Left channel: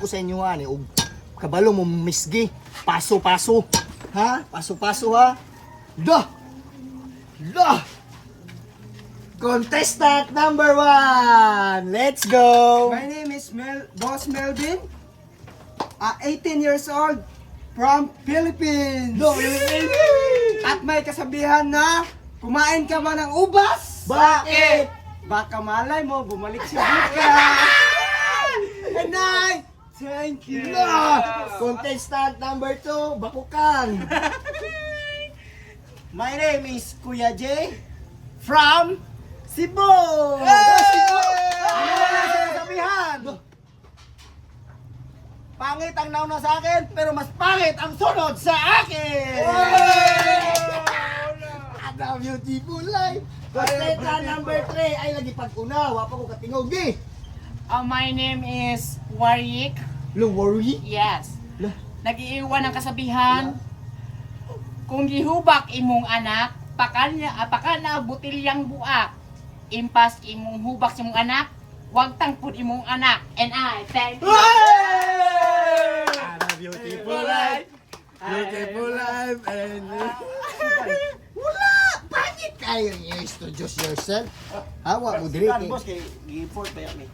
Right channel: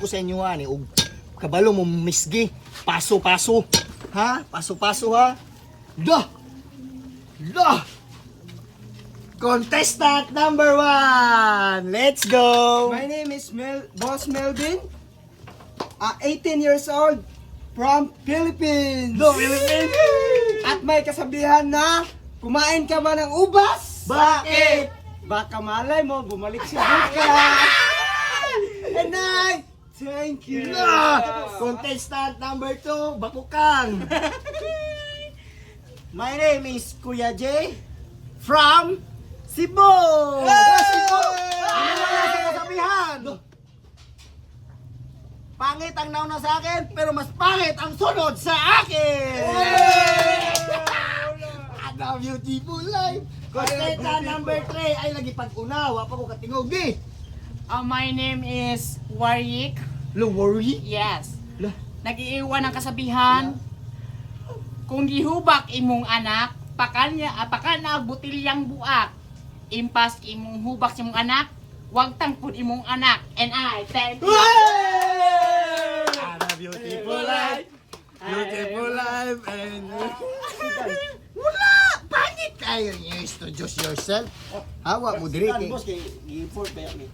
ko sa inyo ani og kabalo mo misgi paso-paso ha paso-paso ha da contestant number 1, let's go. My name is Boss Melvin, 18 years old, from Philippines. At may kasabihan na, kumain ka ba ng ubas? Bakit? Baka malay mo, bumalik si bukas. And I thank you. Contestant number 2, Bakukan. My name is Kuya J from Cebu. Ano na sinasabihan? Pangit ang nauna sa akin, pero mas pangit ang sunod sa akin. Ano beautiful life. Contestant number 3 ay lagi pag-una, wa pa ko katingog di. My name is Warik. Worry? Yes. Lah. Nag-iiwan ng kasabihan. Kung gihubak imong anak, pakana butilyang buak. Impas imong hubak imong anak, wag tangpud imong anak. And I thank you. Ano beautiful life. Beautiful life and wala! Pangit kayo i-introduce yourself. Hawa mo diri kay Boss, kay i-report ba yan?